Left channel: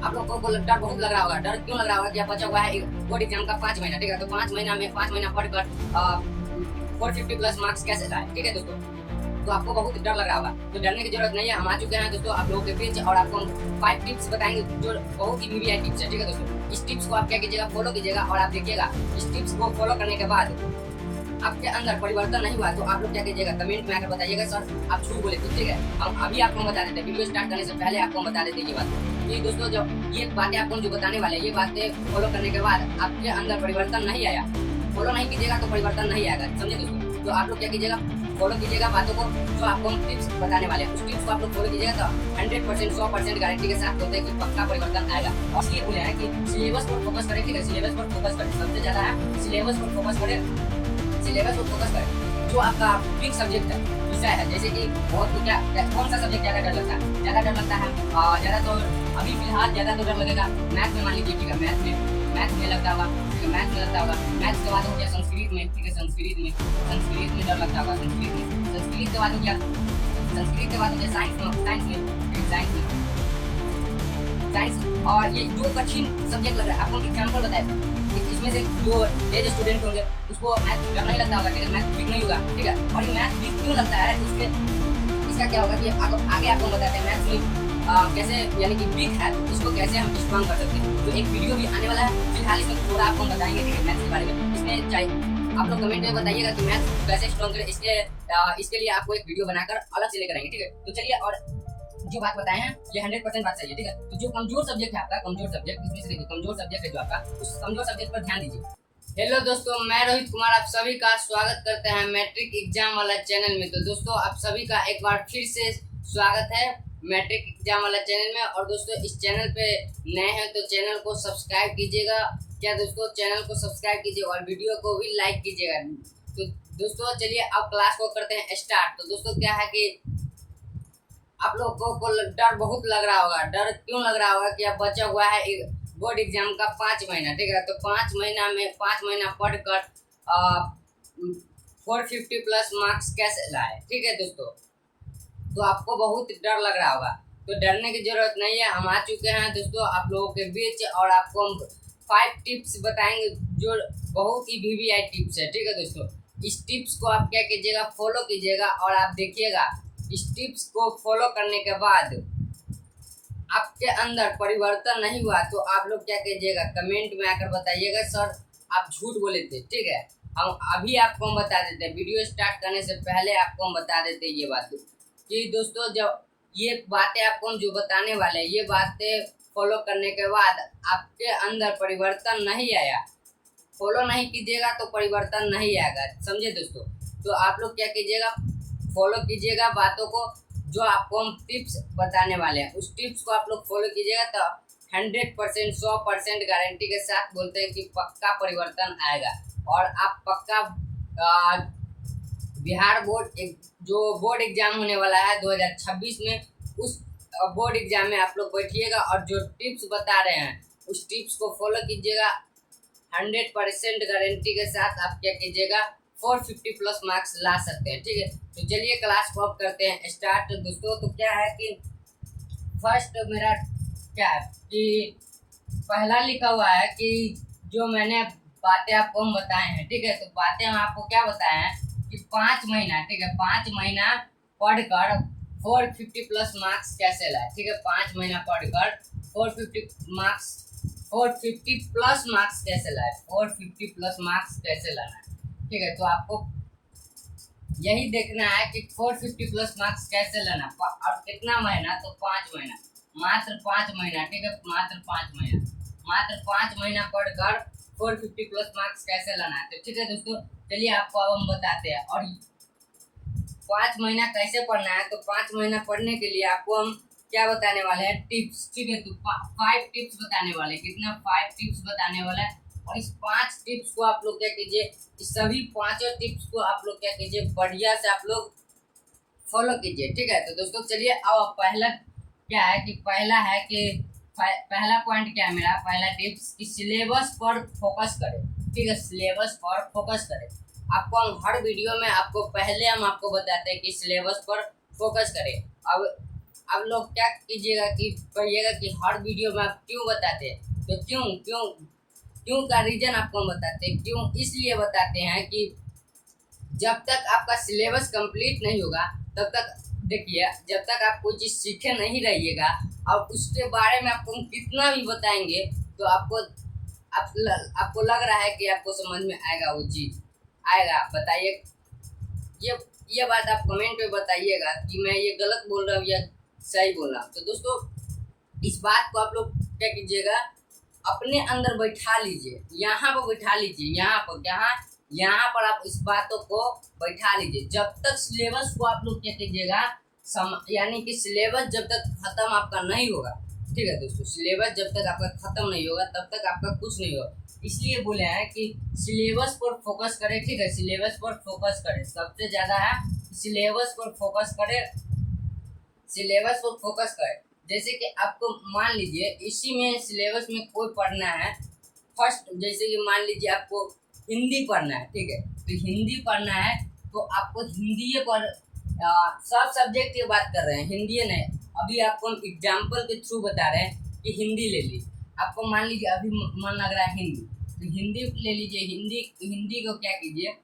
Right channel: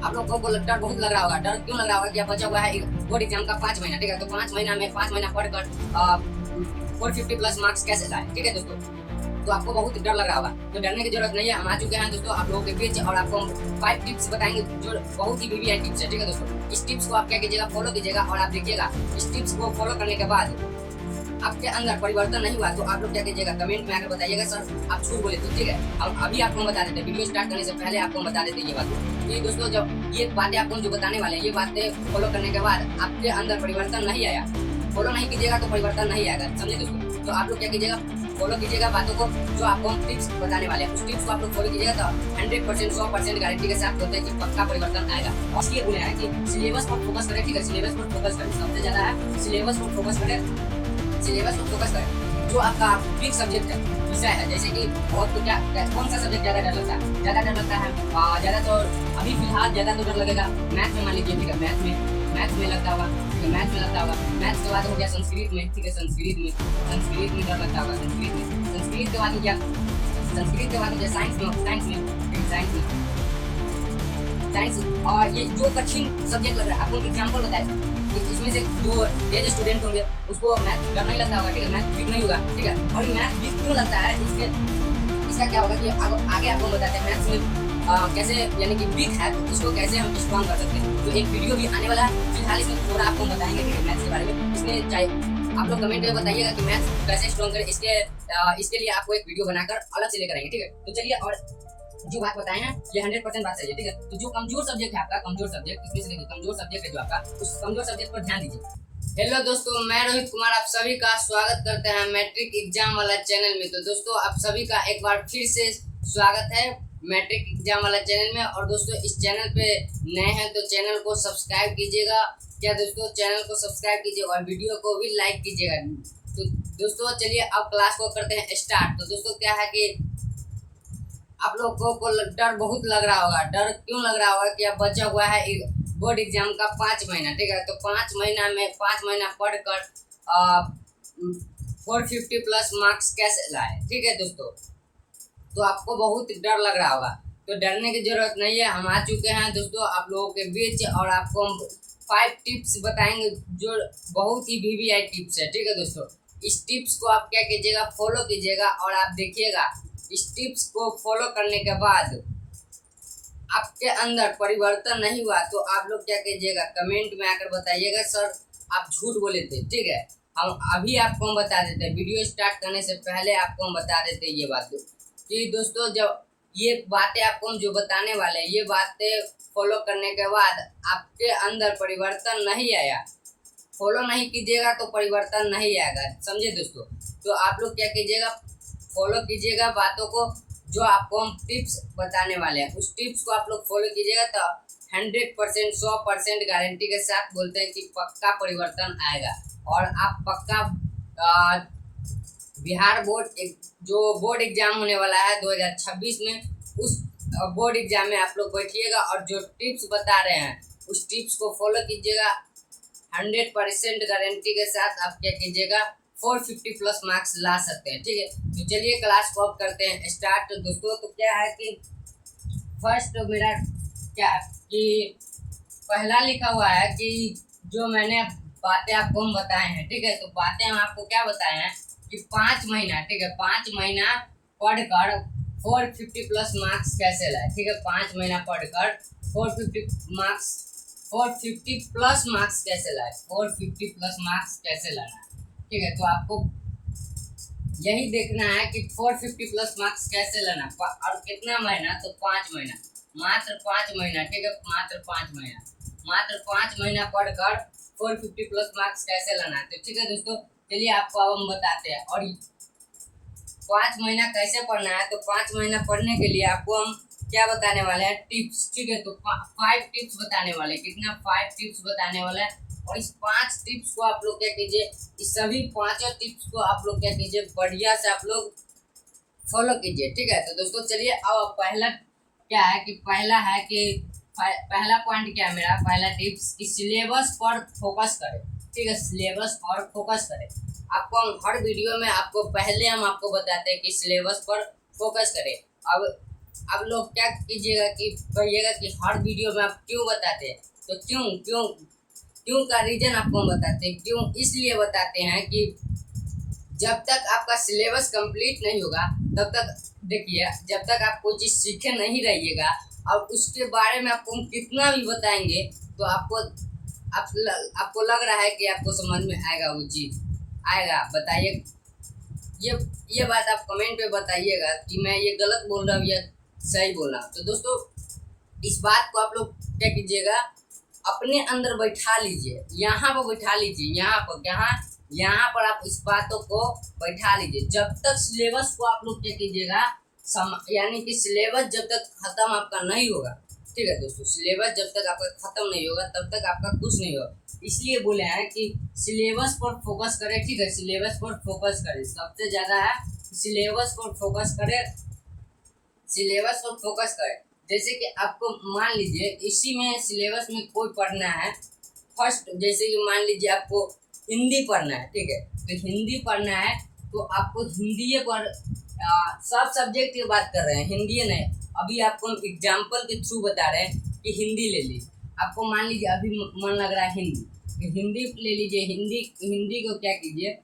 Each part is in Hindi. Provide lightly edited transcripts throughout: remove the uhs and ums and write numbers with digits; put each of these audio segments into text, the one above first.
आप लोग को डर बहुत लग रहा होगा। डर क्यों लग रहा होगा कि आप बचा हुआ है बोर्ड एग्जाम का 5 महीना, ठीक है। तो 5 महीना में 5 महीना पढ़कर 450 प्लस मार्क्स कैसे लाए, ठीक है दोस्तों। तो आपको बहुत डर लग रहा होगा, तो डरने की जरूरत नहीं है। हम आ चुके हैं दोस्तों आप लोगों के बीच और आपको 5 टिप्स बताएंगे जो बहुत ही वीवीआई टिप्स है, ठीक है दोस्तों। इस टिप्स को आप क्या कीजिएगा, फॉलो कीजिएगा और आप देखिएगा इस टिप्स को फॉलो करने के बाद आपके अंदर परिवर्तन नहीं हुआ तो आप लोग क्या कीजिएगा, कमेंट में आकर बताइएगा सर आप झूठ बोले थे, ठीक है। हम अभी आपको बता देते हैं, वीडियो स्टार्ट करने से पहले आपको बता देते ये बात। तो दोस्तों जब ये बातें आपको जो बताने वाले ये बातें फॉलो करने के बाद आपके अंदर परिवर्तन नहीं आया, फॉलो नहीं कीजिएगा तो परिवर्तन नहीं आएगा, समझे दोस्तों। तो आप लोग क्या कीजिएगा, फॉलो कीजिएगा बातों को जो आपको हम टिप्स बताने वाले हैं। उस टिप्स को आप लोग फॉलो कीजिएगा तो 100% 100% गारंटी के साथ बोलते हैं कि पक्का परिवर्तन आएगा। और इसलिए बोले हैं कि सिलेबस पर फोकस करें, ठीक है। सिलेबस पर फोकस करें, सबसे ज्यादा है सिलेबस पर फोकस करें। सिलेबस पर फोकस करें जो आपका बिग सब्जेक्ट है, विषय है, जैसे कि और तो क्या कौन सा सब्जेक्ट ज्यादा डर लगता है, ज्यादा डर लगता है ज्यादा तो अभी फिलहाल ज्यादा तो डर लगेगा मैथ में, मान लीजिए, ठीक है। मैथ में लगता होगा, मैथ में लगता होगा। मैथ के बाद हो गया संस्कृत में, ठीक है। संस्कृत में डर लगता होगा। संस्कृत के बाद हो गया, संस्कृत के बाद हो गया साइंस और ये जो कठिन सब्जेक्ट लग रहा है आपको एग्जाम्पल बताए इसमें से जो ये स्टूडेंट होंगे उसको मैथ डर नहीं लगता होगा, ठीक है। मैथ वीक नहीं होगा, ठीक है। और मैथ वीक क्यों लगता है इसका क्या होगा कि आगे आपको बताते हैं मैथ कैसे यानी कि वीक है इसको कैसे हम स्ट्रॉन्ग कर सकते हैं। तो एक वीडियो भी आने वाला है, फिलहाल इसमें थोड़ा आपको बताएंगे कि मैथ के बारे में। इसमें चाहिए आप लोग कमेंट में बताइएगा कि मैथ कैसे स्ट्रॉन्ग करें, इसके लिए आपको एक वीडियो बनाकर अलग से लेकर आएंगे, ठीक है। तो चलिए, और जो बात बताए हैं ये 100% बात सही है, ठीक है। तो जो कमजोर सब्जेक्ट है आपका, कमजोर सब्जेक्ट इसमें से कमजोर सब्जेक्ट है जो आपका, उस कमजोर सब्जेक्ट पर ध्यान दीजिए। हेलो दोस्तों, मैं रोहित कुमार आप सभी का स्वागत करते हैं मैट्रिक एग्जाम वाला चैनल में। तो दोस्तों आप सभी का एक बार फिर से स्वागत है मैट्रिक एग्जाम वाला चैनल में। और दोस्तों इस चैनल पे नए हैं तो चैनल को सब्सक्राइब कीजिएगा, क्या दोस्तों, चैनल को सब्सक्राइब कीजिए और वीडियो को भी लाइक कीजिएगा। तो दोस्तों चलिए अब क्लास को करते हैं स्टार्ट। तो दोस्तों क्या है कि आप लोगों को डर बहुत लग रहा होगा। डर क्यों लग रहा होगा कि अब बचा हुआ है बोर्ड एग्जाम का 5 महीना, ठीक है। तो 5 महीना में 5 महीना पढ़कर 450 प्लस मार्क्स कैसे लाए, ठीक है दोस्तों। तो आपको बहुत डर लग रहा होगा, तो डरने की जरूरत नहीं है। हम आ चुके हैं दोस्तों आप लोगों के बीच और आपको हम 5 टिप्स बताएंगे जो बहुत ही वीवीआई टिप्स है, ठीक है दोस्तों। इस टिप्स को आप क्या कीजिएगा, फॉलो कीजिएगा और आप देखिएगा इस टिप्स को फॉलो करने के बाद आपके अंदर परिवर्तन नहीं हुआ तो आप लोग क्या कीजिएगा, कमेंट में आकर बताइएगा सर आप झूठ बोले थे, ठीक है। हम अभी आपको हम बता देते हैं, वीडियो स्टार्ट करने से पहले आपको हम बता देते हैं ये बात कि दोस्तों जब ये बातें आपको हम जो बताने वाले हैं ये बातें फॉलो करने के बाद आपके अंदर परिवर्तन नहीं आया, फॉलो नहीं कीजिएगा तो परिवर्तन नहीं आएगा, समझे दोस्तों। तो आप लोग क्या कीजिएगा, फॉलो कीजिएगा बातों को जो आपको हम टिप्स बताने वाले हैं। उस टिप्स को आप लोग फॉलो कीजिएगा तो 100% 100% गारंटी के साथ बोलते हैं कि पक्का परिवर्तन आएगा। और आप पक्का बिहार बोर्ड जो बोर्ड एग्जाम होने वाला है 2026 में, उस बोर्ड एग्जाम में आप लोग बैठिएगा और जो टिप्स बता रहे हैं उस टिप्स को फॉलो कीजिएगा। 100% गारंटी के साथ आप क्या कीजिएगा, 450 प्लस मार्क्स ला सकते हैं, ठीक है। तो चलिए क्लास को अब करते हैं स्टार्ट दोस्तों। तो क्या है कि फर्स्ट मेरा क्या है कि पहला लिखा हुआ है कि जो मैंने बातें आपको हम बताए हैं, ठीक है। तो बातें हम आपको क्या बताए हैं कि 5 महीना, ठीक है, 5 महीना पढ़कर 450 प्लस मार्क्स कैसे लाए, ठीक है। 5 महीना पढ़कर 450 प्लस मार्क्स कैसे लाए, 450 प्लस मार्क्स कैसे लाना है, ठीक है। तो आपको यही देखना है कि 450 प्लस मार्क्स कैसे लाना और कितना महीना, तो 5 महीना, मात्र 5 महीना, ठीक है। मात्र 5 महीना पढ़कर 450 प्लस मार्क्स कैसे लाना है। तो ठीक है दोस्तों, चलिए आपको अब हम बताते हैं। और 5 महीना कैसे पढ़ना है, तो 5 महीना पढ़ने के लिए आपको हम क्या बताने वाले हैं, टिप्स, ठीक है। तो 5 टिप्स बताने वाले, कितना 5 टिप्स बताने वाला है। और इस 5 टिप्स को आप लोग क्या कीजिए, इस सभी 5 टिप्स को आप लोग क्या कीजिए, बढ़िया से आप लोग फॉलो कीजिए, ठीक है। तो दोस्तों चलिए अब पहला क्या है कि पहला पॉइंट क्या है मेरा, पहला टिप्स कि सिलेबस पर फोकस करें, ठीक है। सिलेबस पर फोकस करें। आपको हम हर वीडियो में आपको पहले हम आपको बताते हैं कि सिलेबस पर फोकस करें। अब आप लोग क्या कीजिएगा कि कहिएगा कि हर वीडियो में आप क्यों बताते हैं, तो क्यों क्यों क्यों का रीजन आपको हम बताते हैं। क्यों इसलिए बताते हैं कि जब तक आपका सिलेबस कंप्लीट नहीं होगा तब तक, देखिए जब तक आप कोई चीज़ सीखे नहीं रहिएगा और उसके बारे में आपको हम कितना भी बताएंगे तो आपको लग रहा है कि आपको समझ में आएगा, वो चीज़ आएगा। बताइए, ये बात आप कमेंट पे बताइएगा कि मैं ये गलत बोल रहा हूँ या सही बोल रहा हूँ। तो दोस्तों इस बात को आप लोग क्या कीजिएगा, अपने अंदर बैठा लीजिए, यहाँ पर बैठा लीजिए, यहाँ पर आप इस बातों को बैठा लीजिए। जब तक सिलेबस को आप लोग क्या कीजिएगा, यानी कि सिलेबस जब तक खत्म आपका नहीं होगा, ठीक है दोस्तों, सिलेबस जब तक आपका खत्म नहीं होगा तब तक आपका कुछ नहीं होगा। इसलिए बोले हैं कि सिलेबस पर फोकस करें, ठीक है, सिलेबस पर फोकस करें, सबसे ज़्यादा है सिलेबस पर फोकस करें, सिलेबस पर फोकस करें। जैसे कि आपको मान लीजिए इसी में सिलेबस में कोई पढ़ना है, फर्स्ट जैसे कि मान लीजिए आपको हिंदी पढ़ना है, ठीक है, तो हिंदी पढ़ना है तो आपको हिंदी पर सब सब्जेक्ट की बात कर रहे हैं, हिंदी नहीं। अभी आपको हम एग्जाम्पल के थ्रू बता रहे हैं कि हिंदी ले लीजिए। आपको मान लीजिए अभी मन लग रहा है हिंदी, तो हिंदी ले लीजिए। हिंदी को क्या कीजिए,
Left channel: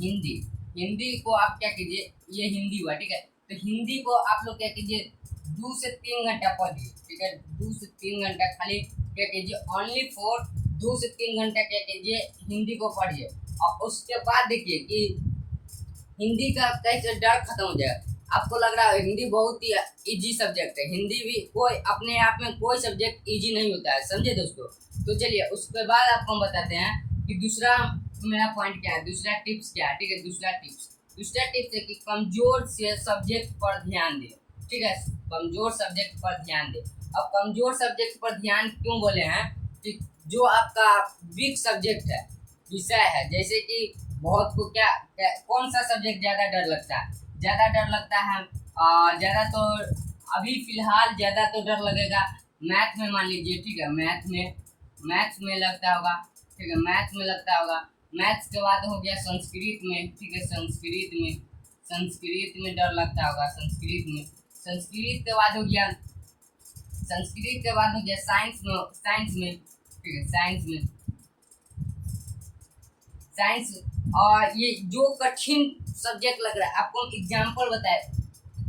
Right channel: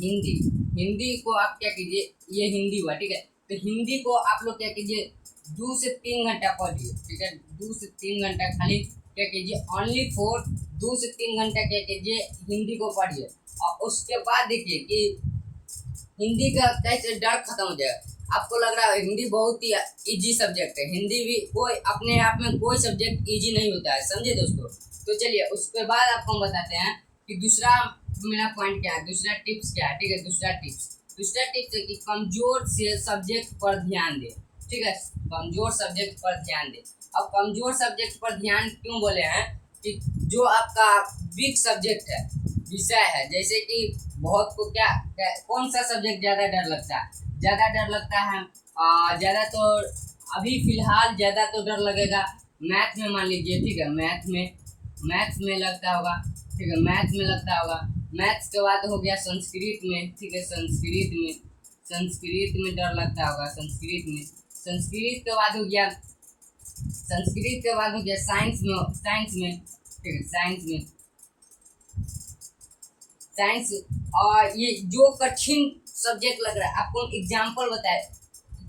हिंदी को आप क्या कीजिए, ये हिंदी हुआ, ठीक है, तो हिंदी को आप लोग क्या कीजिए 2 से 3 घंटा पढ़िए, ठीक है, 2 से 3 घंटा खाली क्या कीजिए, ओनली फॉर 2 से 3 घंटा क्या कीजिए, हिंदी को पढ़िए। और उसके बाद देखिए कि हिंदी का कैसे डर खत्म हो जाएगा। आपको लग रहा है हिंदी बहुत ही इजी सब्जेक्ट है, हिंदी भी कोई अपने आप में कोई सब्जेक्ट इजी नहीं होता है, समझे दोस्तों। तो चलिए उसके बाद आपको हम बताते हैं कि दूसरा मेरा पॉइंट क्या है, दूसरा टिप्स क्या है, ठीक है। दूसरा टिप्स है कि कमजोर से सब्जेक्ट पर ध्यान दें, ठीक है, कमजोर सब्जेक्ट पर ध्यान दें। अब कमजोर सब्जेक्ट पर ध्यान क्यों बोले हैं कि जो आपका वीक सब्जेक्ट है, विषय है, जैसे कि बहुत को क्या कौन सा सब्जेक्ट ज़्यादा डर लगता है, ज़्यादा तो अभी फिलहाल ज़्यादा तो डर लगेगा मैथ में, मान लीजिए, ठीक है, मैथ्स में लगता होगा, ठीक है, मैथ में लगता होगा। मैथ्स के बाद हो गया संस्कृत में, ठीक है, संस्कृत में डर लगता होगा, संस्कृत के बाद हो गया साइंस में, ठीक है, साइंस। और ये जो कठिन सब्जेक्ट लग रहा है आपको एग्जाम्पल बताए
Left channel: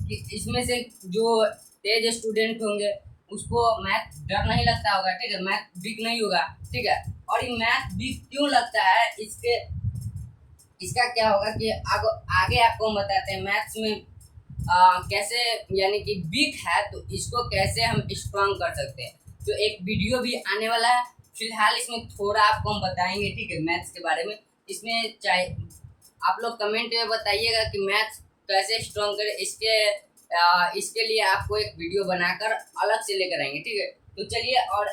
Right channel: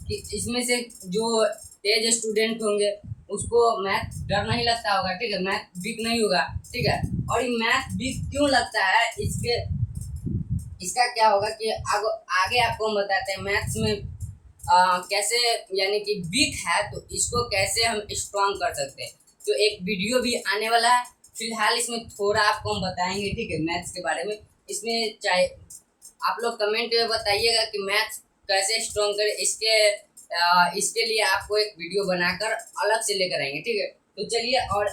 कि इसमें से जो तेज स्टूडेंट होंगे उसको मैथ डर नहीं लगता होगा, ठीक है, मैथ वीक नहीं होगा, ठीक है। और ये मैथ वीक क्यों लगता है, इसका क्या होगा कि आगे आपको हम बताते हैं मैथ्स में कैसे, यानी कि वीक है तो इसको कैसे हम स्ट्रॉन्ग कर सकते हैं। तो एक वीडियो भी आने वाला है, फिलहाल इसमें थोड़ा आपको हम बताएंगे, ठीक है, मैथ्स के बारे में। इसमें चाहे आप लोग कमेंट में बताइएगा कि मैथ्स कैसे स्ट्रॉन्ग करें, इसके लिए आपको एक वीडियो बनाकर अलग से लेकर आएंगे, ठीक है। तो चलिए, और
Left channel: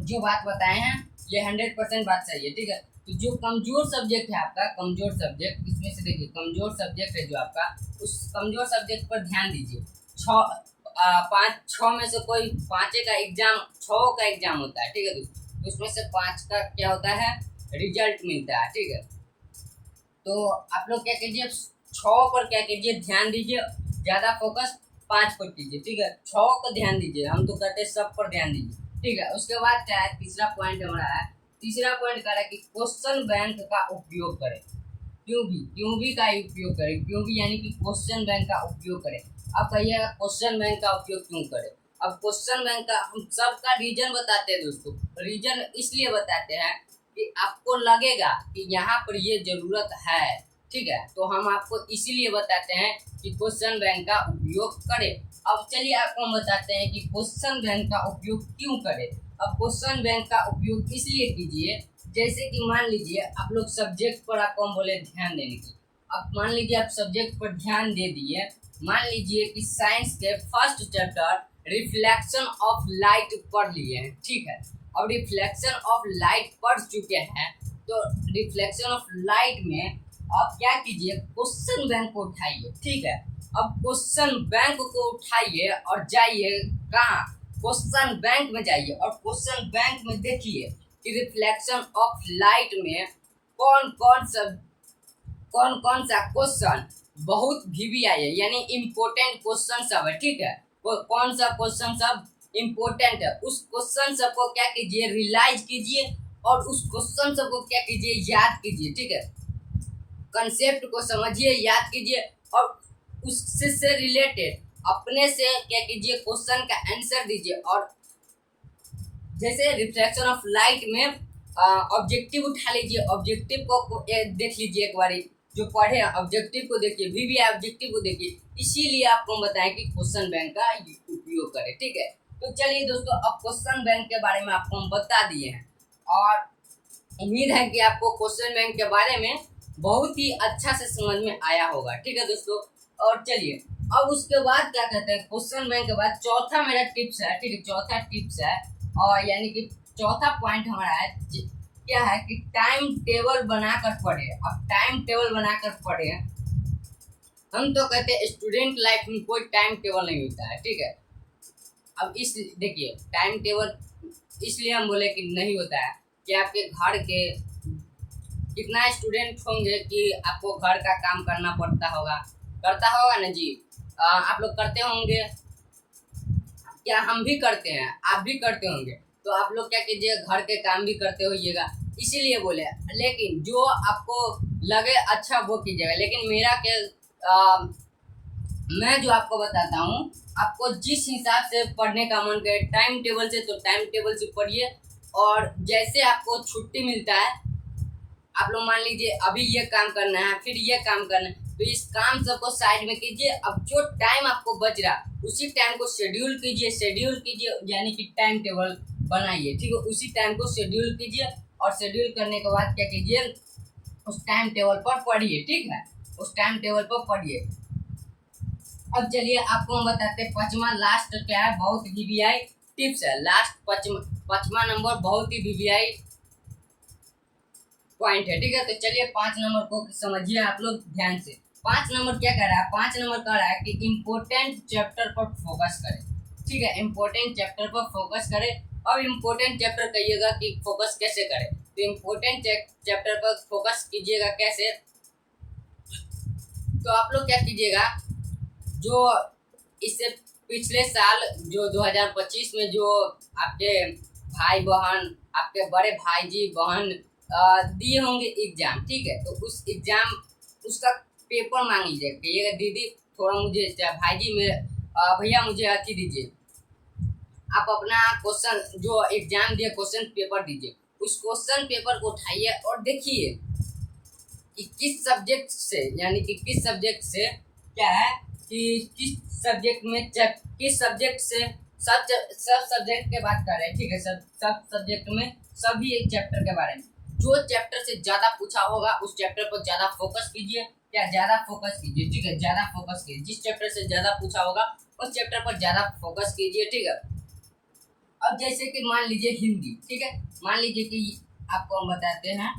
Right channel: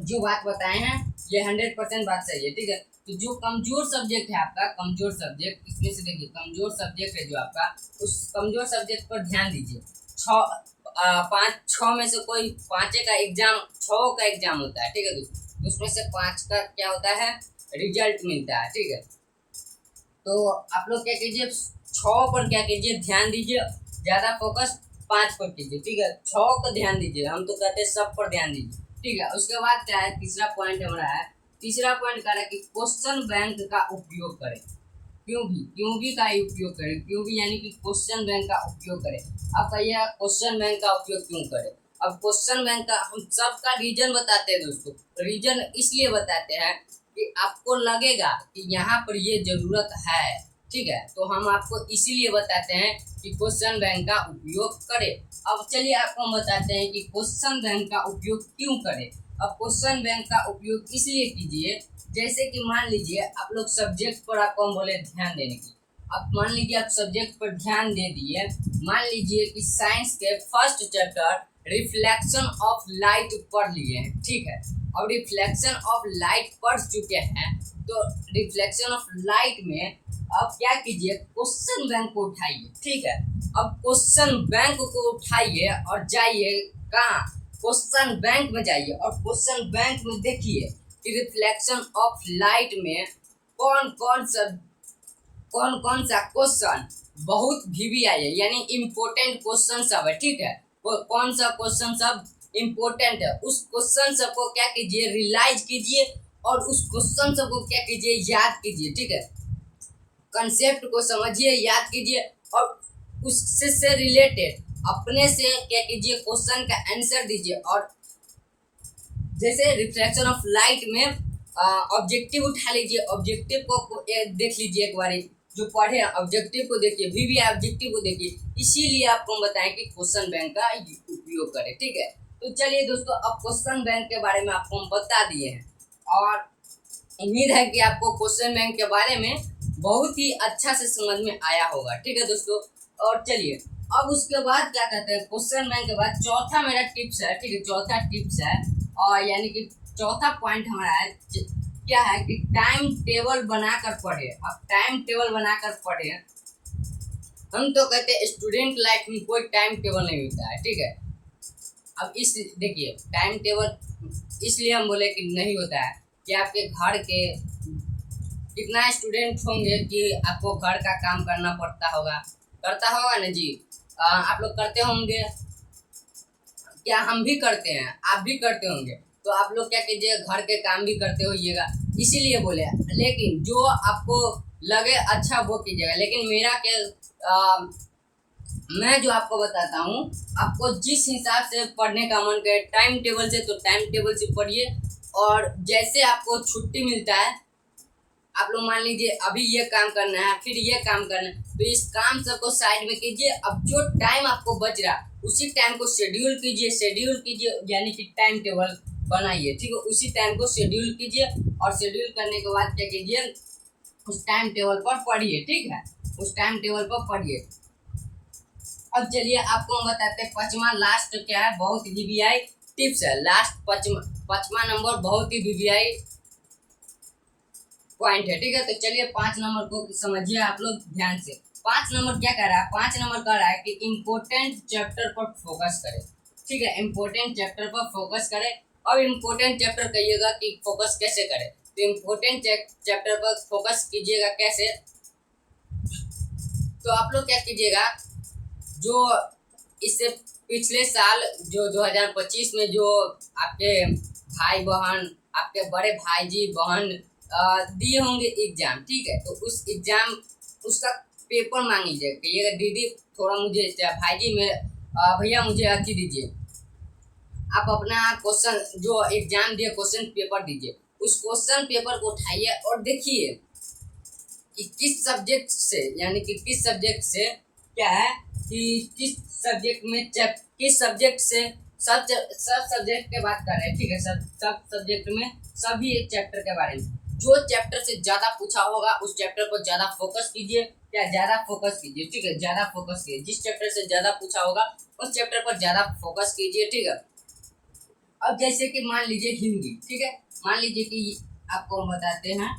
जो बात बताए हैं ये 100% बात सही है, ठीक है। तो जो कमजोर सब्जेक्ट है आपका, कमजोर सब्जेक्ट, इसमें से देखिए कमजोर सब्जेक्ट है जो आपका, उस कमजोर सब्जेक्ट पर ध्यान दीजिए। 6 में से कोई 5 का एग्जाम होता है, ठीक है दोस्तों, तो उसमें से 5 का क्या होता है, रिजल्ट मिलता है, ठीक है। तो आप लोग क्या कीजिए, 6 पर क्या कीजिए, ध्यान दीजिए, ज़्यादा फोकस 5 पर कीजिए, ठीक है, 6 को ध्यान दीजिए, हम तो कहते हैं सब पर ध्यान दीजिए, ठीक है। उसके बाद क्या है, तीसरा पॉइंट हमारा है, तीसरा पॉइंट कह रहा है कि क्वेश्चन बैंक का उपयोग करें। क्यों भी का उपयोग करें, क्यों भी यानी कि क्वेश्चन बैंक का उपयोग करें। अब कहिए क्वेश्चन बैंक का उपयोग क्यों करें। अब क्वेश्चन बैंक का हम सबका रीजन बताते हैं दोस्तों, रीजन इसलिए बताते हैं कि आपको लगेगा कि यहाँ पर ये ज़रूरत है, ठीक है, तो हम आपको इसीलिए बताते हैं कि क्वेश्चन बैंक का उपयोग करें। अब चलिए आपको हम बताते हैं कि क्वेश्चन बैंक का उपयोग क्यों करें। अब क्वेश्चन बैंक का उपयोग इसलिए कीजिए, जैसे कि मान लीजिए आप लोग सब्जेक्ट पर आपको हम बोले ध्यान देने की। अब मान लीजिए आप सब्जेक्ट पर ध्यान दे दिए, मान लीजिए कि साइंस के first chapter reflection of light पढ़ लिए हैं, ठीक है, और रिफ्लेक्शन ऑफ लाइट पढ़ चुके हैं, तो रिफ्लेक्शन ऑफ लाइट में अब क्या कीजिए, क्वेश्चन बैंक को उठाइए, ठीक है। अब क्वेश्चन बैंक को उठाइए और जाइए कहाँ, क्वेश्चन बैंक में जाइए, और क्वेश्चन बैंक में देखिए कि रिफ्लेक्शन ऑफ लाइट में कौन कौन सा क्वेश्चन बहुत VBI है, यानी इम्पोर्टेंट क्वेश्चन सब है, ठीक है। कौन सा क्वेश्चन सब इम्पोर्टेंट है, उस क्वेश्चन सब को क्या कीजिए, रियलाइज कीजिए और उस क्वेश्चन सब को क्या कीजिए, याद कीजिए, ठीक है। कंसेप्ट को समझिए, याद कीजिए और उससे से रिलेटेड अपने से क्या कीजिए, क्वेश्चन का आंसर दीजिए। और जैसे रिफ्लेक्शन ऑफ लाइट में ऑब्जेक्टिव उठा लीजिए, ऑब्जेक्टिव को देख लीजिए एक बारी, जो पढ़े ऑब्जेक्टिव को देखिए, VBI ऑब्जेक्टिव को देखिए, इसीलिए आपको बताएं कि क्वेश्चन बैंक का उपयोग करें, ठीक है। तो चलिए दोस्तों, अब क्वेश्चन बैंक के बारे में आपको हम बता दिए हैं और उम्मीद है कि आपको क्वेश्चन बैंक के बारे में बहुत ही अच्छा से समझ में आया होगा, ठीक है दोस्तों। और चलिए अब उसके बाद क्या कहते हैं, क्वेश्चन बैंक के बाद चौथा मेरा टिप्स है, ठीक है, चौथा टिप्स है और यानी कि चौथा पॉइंट हमारा है क्या है कि टाइम टेबल बनाकर पढ़े। अब टाइम टेबल बनाकर पढ़े, हम तो कहते हैं स्टूडेंट लाइफ में कोई टाइम टेबल नहीं होता है, ठीक है। अब इस देखिए टाइम टेबल इसलिए हम बोले कि नहीं होता है कि आपके घर के कितना स्टूडेंट होंगे कि आपको घर का काम करना करता होगा ना जी। आप लोग करते होंगे क्या, हम भी करते हैं, आप भी करते होंगे, तो आप लोग क्या कीजिए, घर के काम भी करते होइएगा, इसीलिए बोले। लेकिन जो आपको लगे अच्छा वो कीजिएगा, लेकिन मेरा क्या मैं जो आपको बताता हूँ, आपको जिस हिसाब से पढ़ने का मन करे टाइम टेबल से, तो टाइम टेबल से पढ़िए। और जैसे आपको छुट्टी मिलता है, आप लोग मान लीजिए अभी ये काम करना है, फिर ये काम करना है, तो इस काम सबको साइड में कीजिए। अब जो टाइम आपको बच रहा उसी टाइम को शेड्यूल कीजिए, यानी कि टाइम टेबल बनाइए, ठीक है। उसी टाइम को शेड्यूल कीजिए और शेड्यूल करने के बाद क्या कीजिए, उस टाइम टेबल पर पढ़िए, ठीक है, उस टाइम टेबल पर पढ़िए। अब चलिए आपको हम बताते हैं पांचवा लास्ट क्या है, बहुत VBI टिप्स है। लास्ट पांचवा नंबर बहुत ही VBI पॉइंट है, ठीक है। तो चलिए 5 नंबर को समझिए आप लोग ध्यान से। 5 नंबर क्या कह रहा है, 5 नंबर कह रहा है कि इम्पोर्टेंट चैप्टर पर फोकस करें, ठीक है, इम्पोर्टेंट चैप्टर पर फोकस करें। अब इम्पोर्टेंट चैप्टर कहिएगा कि फोकस कैसे करें, तो इम्पोर्टेंट चैप्टर पर फोकस कीजिएगा कैसे, तो आप लोग क्या कीजिएगा, जो इससे पिछले साल जो 2025 में जो आपके भाई बहन, आपके बड़े भाई जी बहन दिए होंगे एग्जाम, ठीक है, तो उस एग्जाम उसका पेपर मांग लीजिए, कहिएगा दीदी थोड़ा मुझे, भाई जी में भैया मुझे अच्छी दीजिए, आप अपना क्वेश्चन जो एग्जाम दिए क्वेश्चन पेपर दीजिए। उस क्वेश्चन पेपर को उठाइए और देखिए कि किस सब्जेक्ट से, यानी कि किस सब्जेक्ट से क्या है कि किस सब्जेक्ट में किस सब्जेक्ट से सब सब्जेक्ट के बात कर रहे हैं, ठीक है, सब सब्जेक्ट में सभी एक चैप्टर के बारे में, जो चैप्टर से ज़्यादा पूछा होगा उस चैप्टर पर ज़्यादा फोकस कीजिए, क्या ज़्यादा फोकस कीजिए, ठीक है, ज़्यादा फोकस कीजिए, जिस चैप्टर से ज़्यादा पूछा होगा उस चैप्टर पर ज़्यादा फोकस कीजिए, ठीक है। अब जैसे कि मान लीजिए हिंदी, ठीक है, मान लीजिए कि आपको हम बताते हैं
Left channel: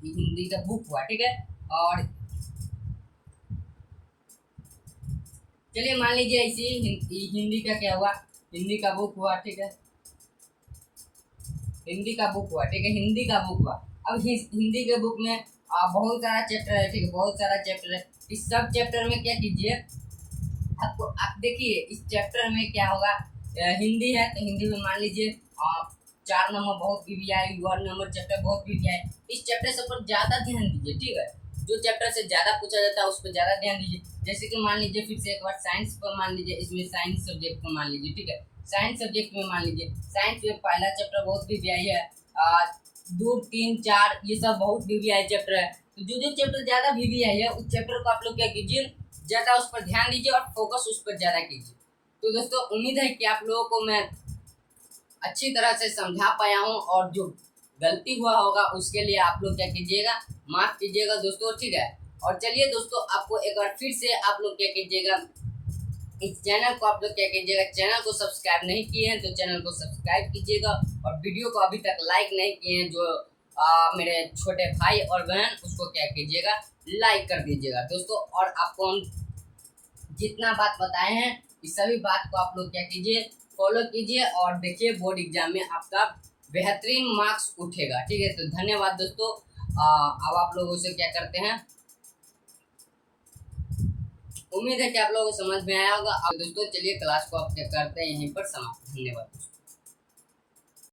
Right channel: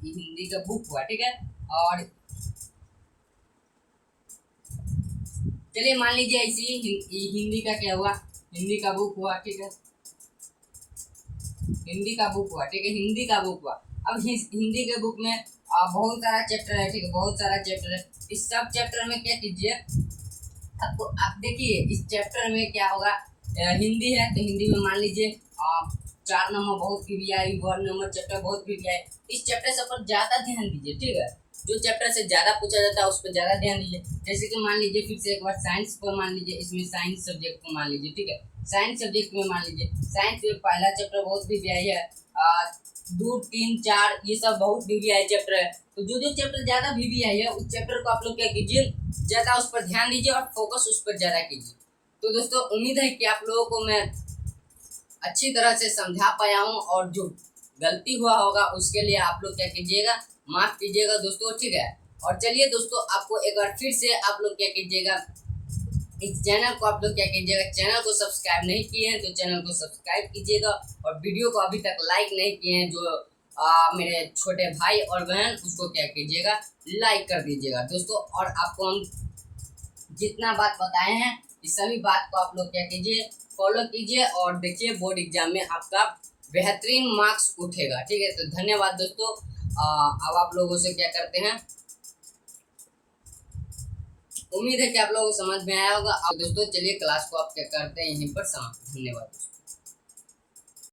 कि हिंदी का बुक हुआ, ठीक है, और चलिए मान लीजिए ऐसी हिंदी का क्या हुआ, हिंदी का बुक हुआ, ठीक है, हिंदी का बुक हुआ, ठीक है, हिंदी का बुक हुआ। अब हिंदी के बुक में बहुत सारा चैप्टर है, ठीक है, बहुत सारा चैप्टर है। इस सब चैप्टर में क्या कीजिए, आपको आप देखिए इस चैप्टर में क्या होगा, हिंदी है तो हिंदी में मान लीजिए 4 नंबर बहुत VBI, 1 नंबर चैप्टर बहुत VBI, इस चैप्टर सब पर ज़्यादा ध्यान दीजिए, ठीक है, जो चैप्टर से ज़्यादा पूछा जाता है उस पर ज़्यादा ध्यान दीजिए। जैसे कि मान लीजिए फिर से एक बार साइंस पर मान लीजिए, इसमें साइंस सब्जेक्ट को मान लीजिए, ठीक है, साइंस सब्जेक्ट में मान लीजिए साइंस में पहला चैप्टर बहुत VBI है, 2, 3, 4 ये सब बहुत VBI चैप्टर है। तो जो चैप्टर ज़्यादा VBI है उस चैप्टर को आप लोग क्या कीजिए, ज़्यादा उस पर ध्यान दीजिए और फोकस उस पर ज़्यादा कीजिए। तो दोस्तों उम्मीद है कि आप लोगों को मैं अच्छी तरह से समझा पाया हूँ और जो गलती हुआ होगा उसके लिए आप लोग क्या कीजिएगा, माफ़ कीजिएगा दोस्तों, ठीक है। और चलिए दोस्तों आपको एक बार फिर से आप लोग क्या कीजिएगा, इस चैनल को आप लोग क्या कीजिएगा, चैनल को सब्सक्राइब नहीं किए हैं तो चैनल को सब्सक्राइब कीजिएगा और वीडियो को अभी तक लाइक नहीं किए हैं जो मेरे छोटे भाई और बहन, उसको क्या कीजिएगा, लाइक कर दीजिएगा दोस्तों। और आपको हम जितना बात बताए हैं इस सभी बात को आप लोग क्या कीजिए, फॉलो कीजिए और देखिए बोर्ड एग्जाम में आपका बेहतरीन मार्क्स उठेगा, ठीक है। तो धन्यवाद दोस्तों। अब आप लोगों से क्या करते हैं, उम्मीद है कि आप लोगों को समझ में आया होगा। अब दोस्तों चलिए क्लास को आप क्या करते हैं यहीं पर समाप्त। धन्यवाद।